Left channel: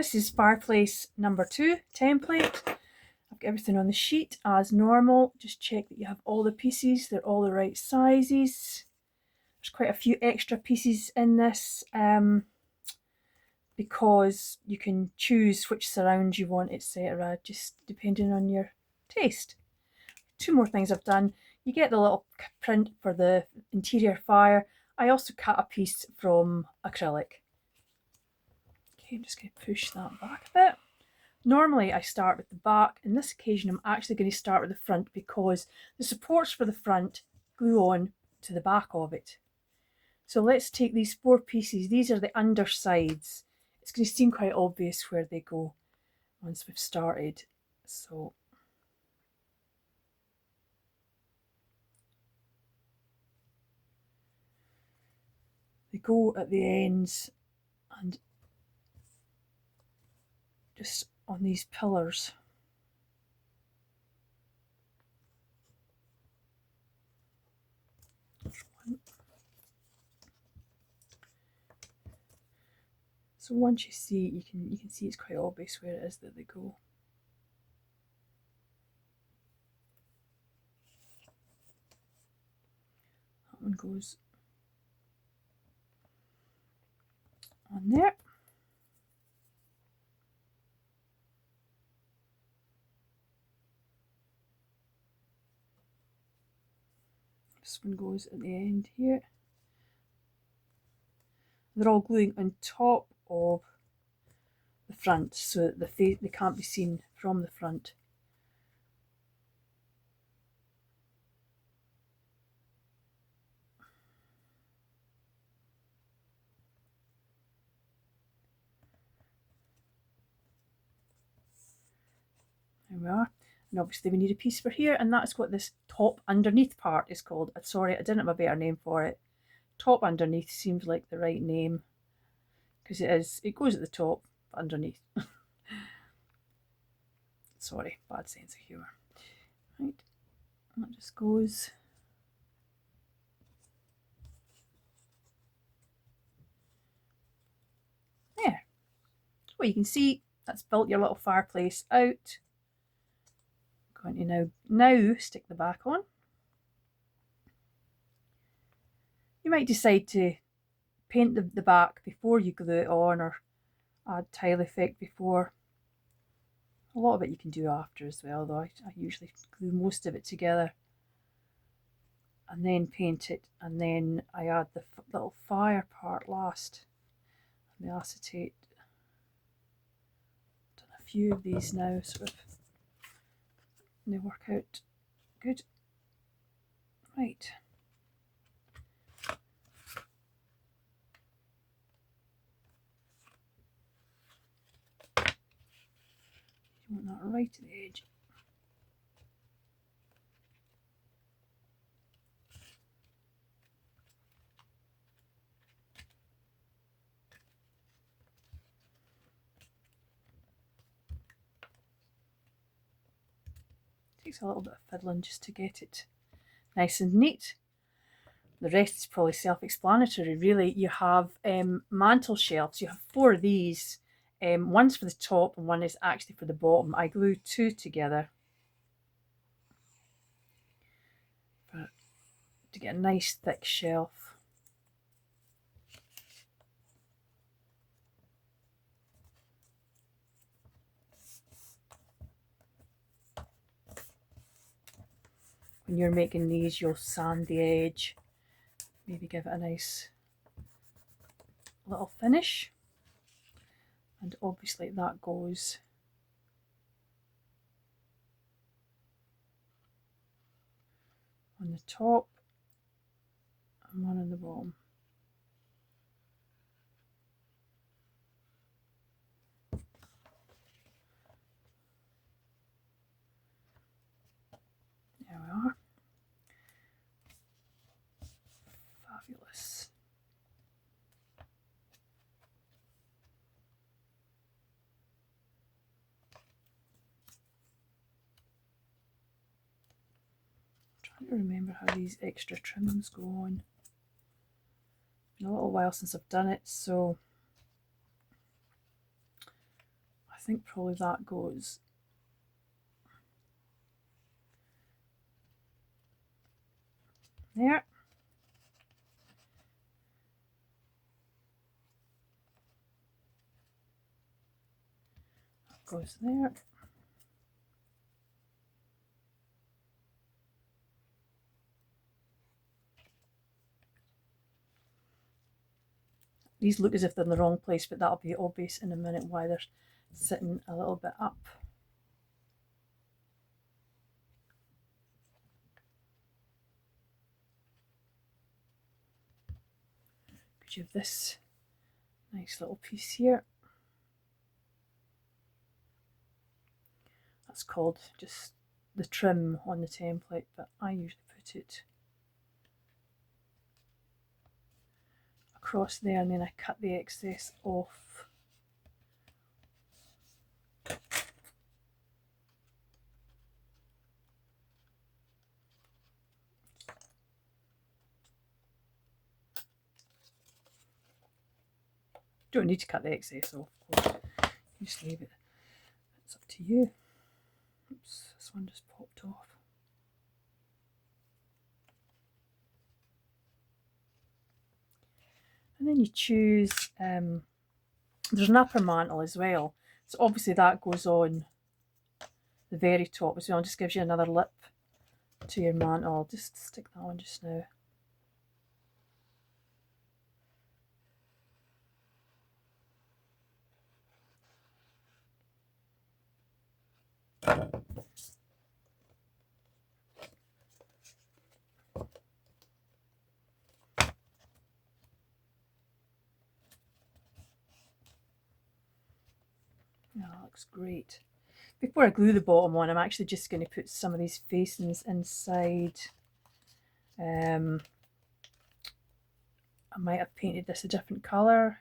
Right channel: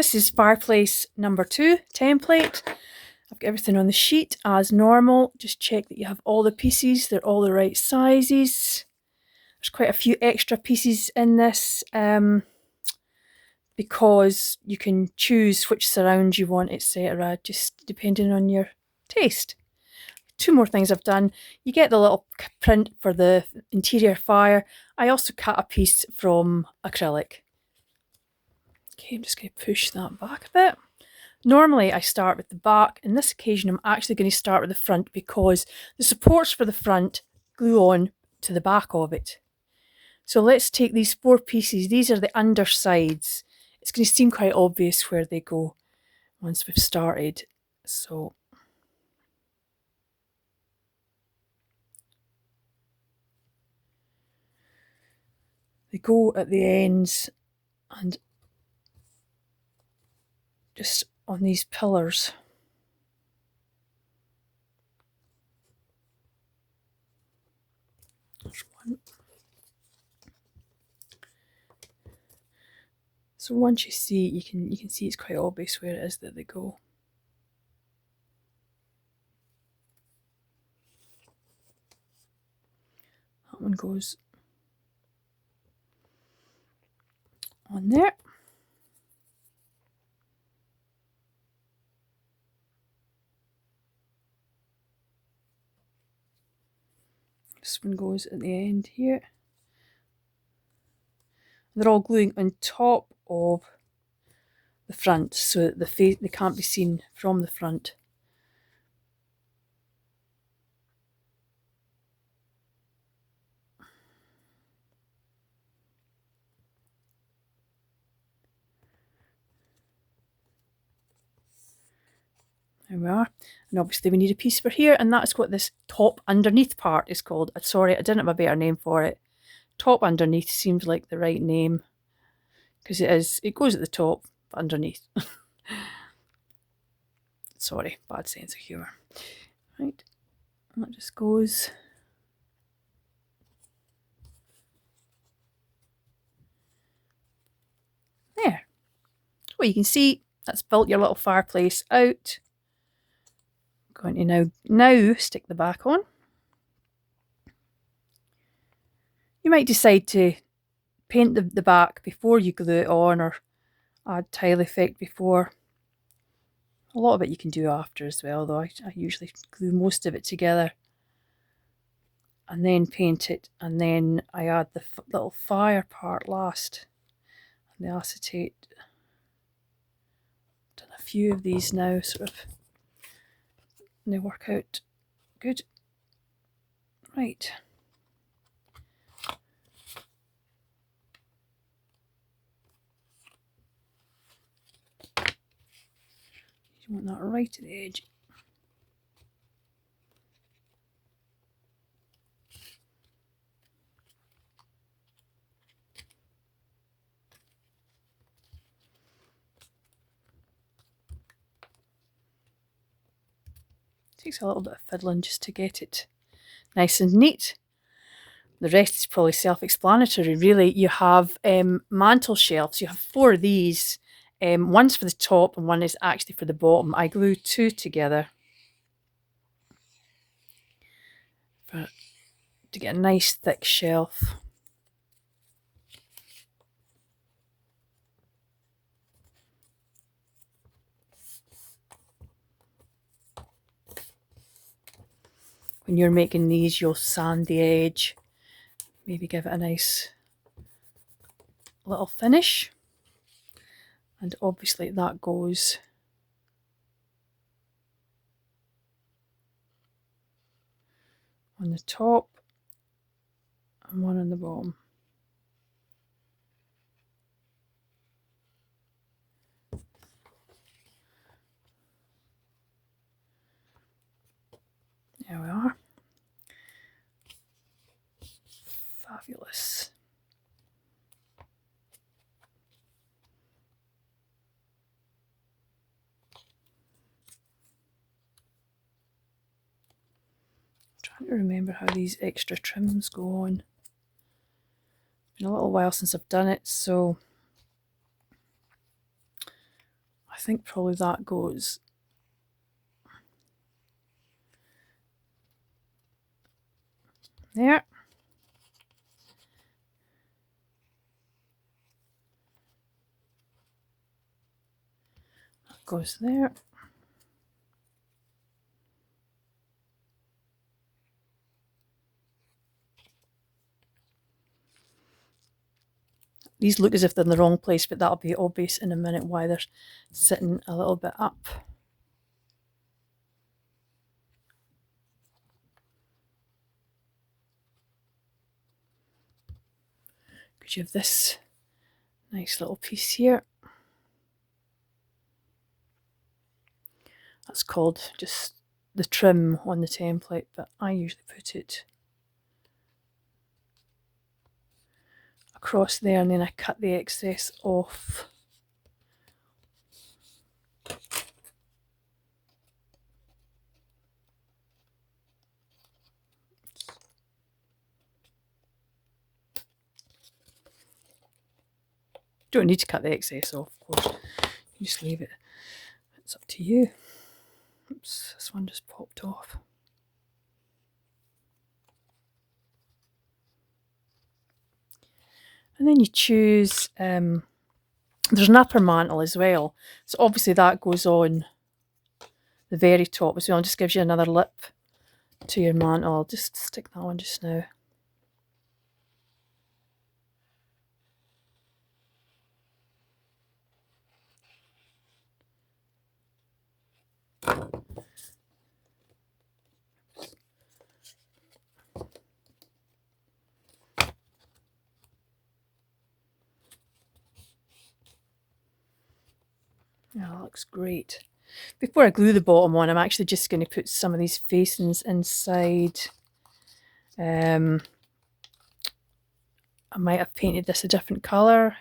This is Fireplace number 2 template. I've got everything on the sheet as normal. Just check that you have all the pieces, they're all the right sizes. There's quite a few extra pieces in this because you can choose which surround you want, etc., just depending on your taste. 2 more things I've done. You get the little print for the interior fire. I also cut a piece from acrylic. Okay, I'm just going to push that back a bit. Normally I start with the back. In this occasion I'm actually going to start with the front because the supports for the front glue on to the back of it. So let's take these 4 pieces. These are the undersides. It's going to seem quite obvious where they go once we've started. So they go at the ends and just on these pillars. There's one. So once you see it, you can see it's quite obvious where it is that they go. That one goes on there. This one goes at the end here. They're all gluing on top of the front so that they can't be seen from the front. There we are. And obviously we need a piece for here, and that's what this top underneath part is called. Sorry, I didn't have a better name for it. Top underneath seems like the right name because it goes at the top but underneath. Sorry, bad sense of humour. Right, and that just goes there. Well, you can see that's built your little fireplace out. I'm going to now stick the back on. You might decide to paint the back before you glue it on, or add tile effect before. A lot of it you can do after as well, though I usually glue most of it together and then paint it, and then I add the little fire part last and the acetate. Done a few of these now, sort of, and they work out good. Right. You want that right at the edge. Takes a little bit of fiddling just to get it nice and neat. The rest is probably self-explanatory, really. You have mantle shelves. You have 4 of these. One's for the top and one is actually for the bottom. I glue 2 together to get a nice thick shelf. When you're making these, you'll sand the edge, maybe give it a nice little finish. And obviously that goes on the top and one on the bottom. There we are. Fabulous. I'm trying to remember how these extra trims go on. It's been a little while since I've done it, so think probably that goes there. That goes there. These look as if they're in the wrong place, but that'll be obvious in a minute why they're sitting a little bit up. Because you have this nice little piece here. That's called just the trim on the template, but I usually put it across there and then I cut the excess off. Don't need to cut the excess off, of course. You just leave it. It's up to you. Oops, this one just popped off. And then you choose, there's an upper mantle as well. So obviously that goes on the very top as well. It just gives you another lip to your mantle. I'll just stick that one just now. Yeah, that looks great. Before I glue the bottom on, I'm actually just going to put some of these facings inside. I might have painted this a different colour.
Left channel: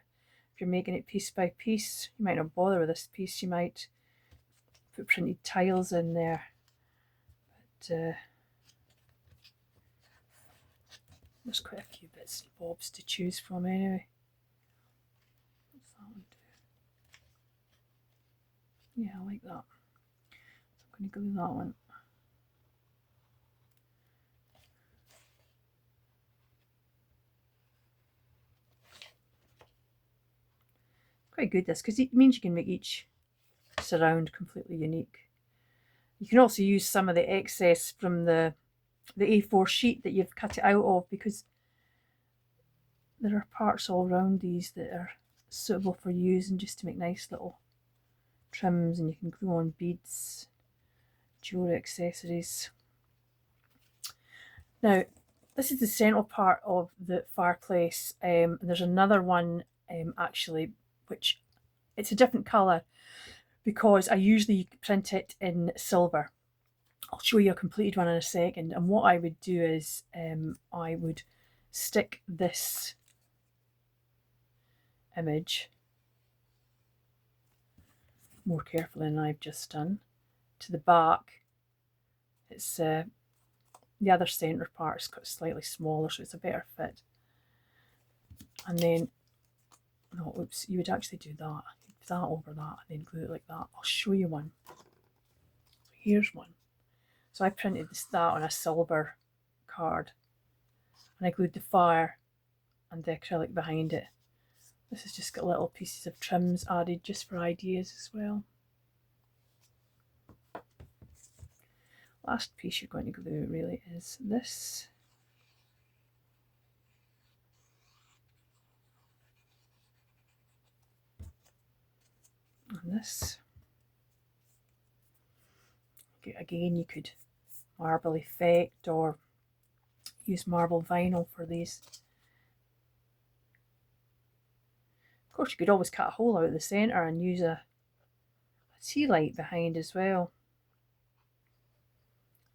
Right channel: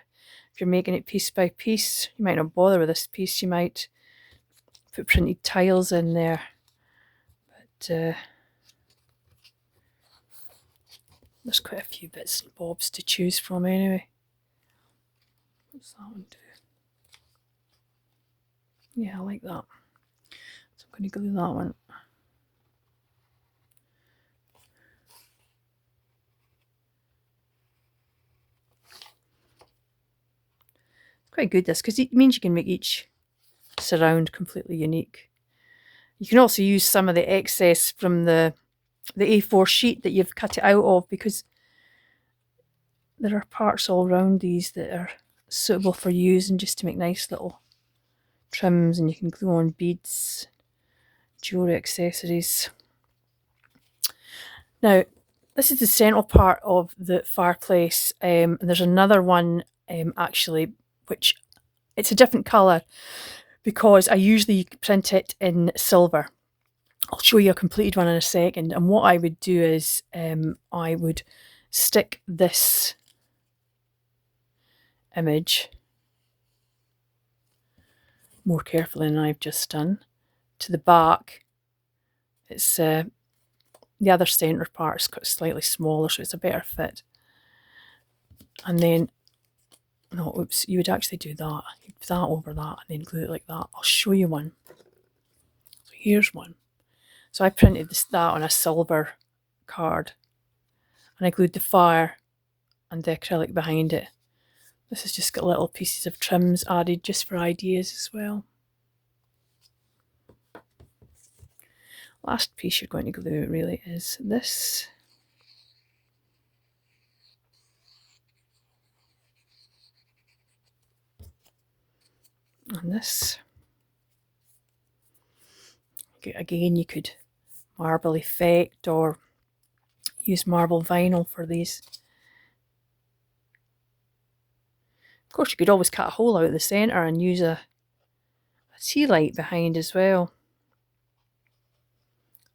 If you're making it piece by piece, you might not bother with this piece. You might put printed tiles in there. But there's quite a few bits and bobs to choose from anyway. What's that one do? Yeah, I like that. So I'm going to glue that one. Quite good this, because it means you can make each surround completely unique. You can also use some of the excess from the A4 sheet that you've cut it out of, because there are parts all around these that are suitable for using just to make nice little trims, and you can glue on beads, jewellery accessories. Now, this is the central part of the fireplace, and there's another one actually, which it's a different colour because I usually print it in silver. I'll show you a completed one in a second. And what I would do is I would stick this image more carefully than I've just done to the back. It's the other centre part is slightly smaller, so it's a better fit. And then, no, oops, you would actually do that. You'd put that over that and then glue it like that. I'll show you one. So here's one. So I printed that on a silver card, and I glued the fire and the acrylic behind it. This has just got little pieces of trims added just for ideas as well. Last piece you're going to glue really is this. And this. Again, you could marble effect or use marble vinyl for these. Of course, you could always cut a hole out of the centre and use a tea light behind as well.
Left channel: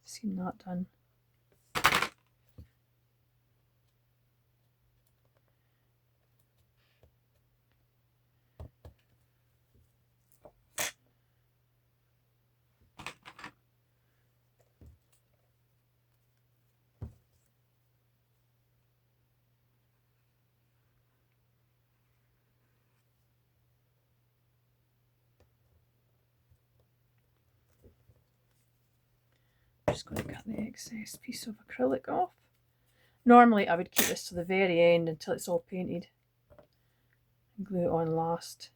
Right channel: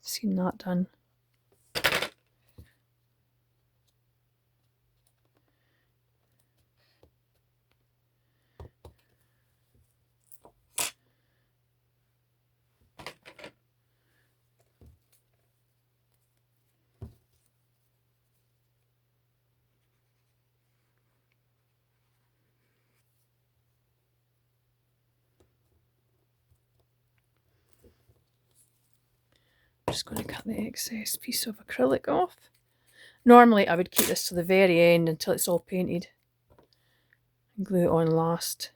I've seen that done. just going to cut the excess piece of acrylic off. Normally I would keep this to the very end until it's all painted and glue it on last.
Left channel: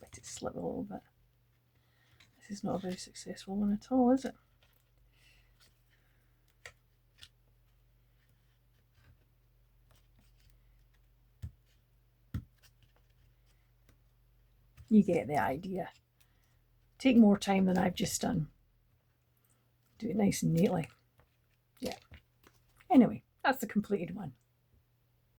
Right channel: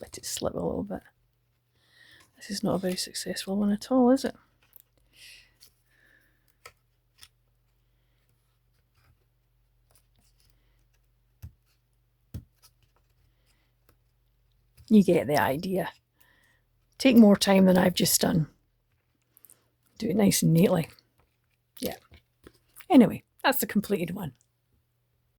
Let it slip a little bit. This is not a very successful one at all, is it? You get the idea. Take more time than I've just done. Do it nice and neatly. Yeah. Anyway, that's the completed one.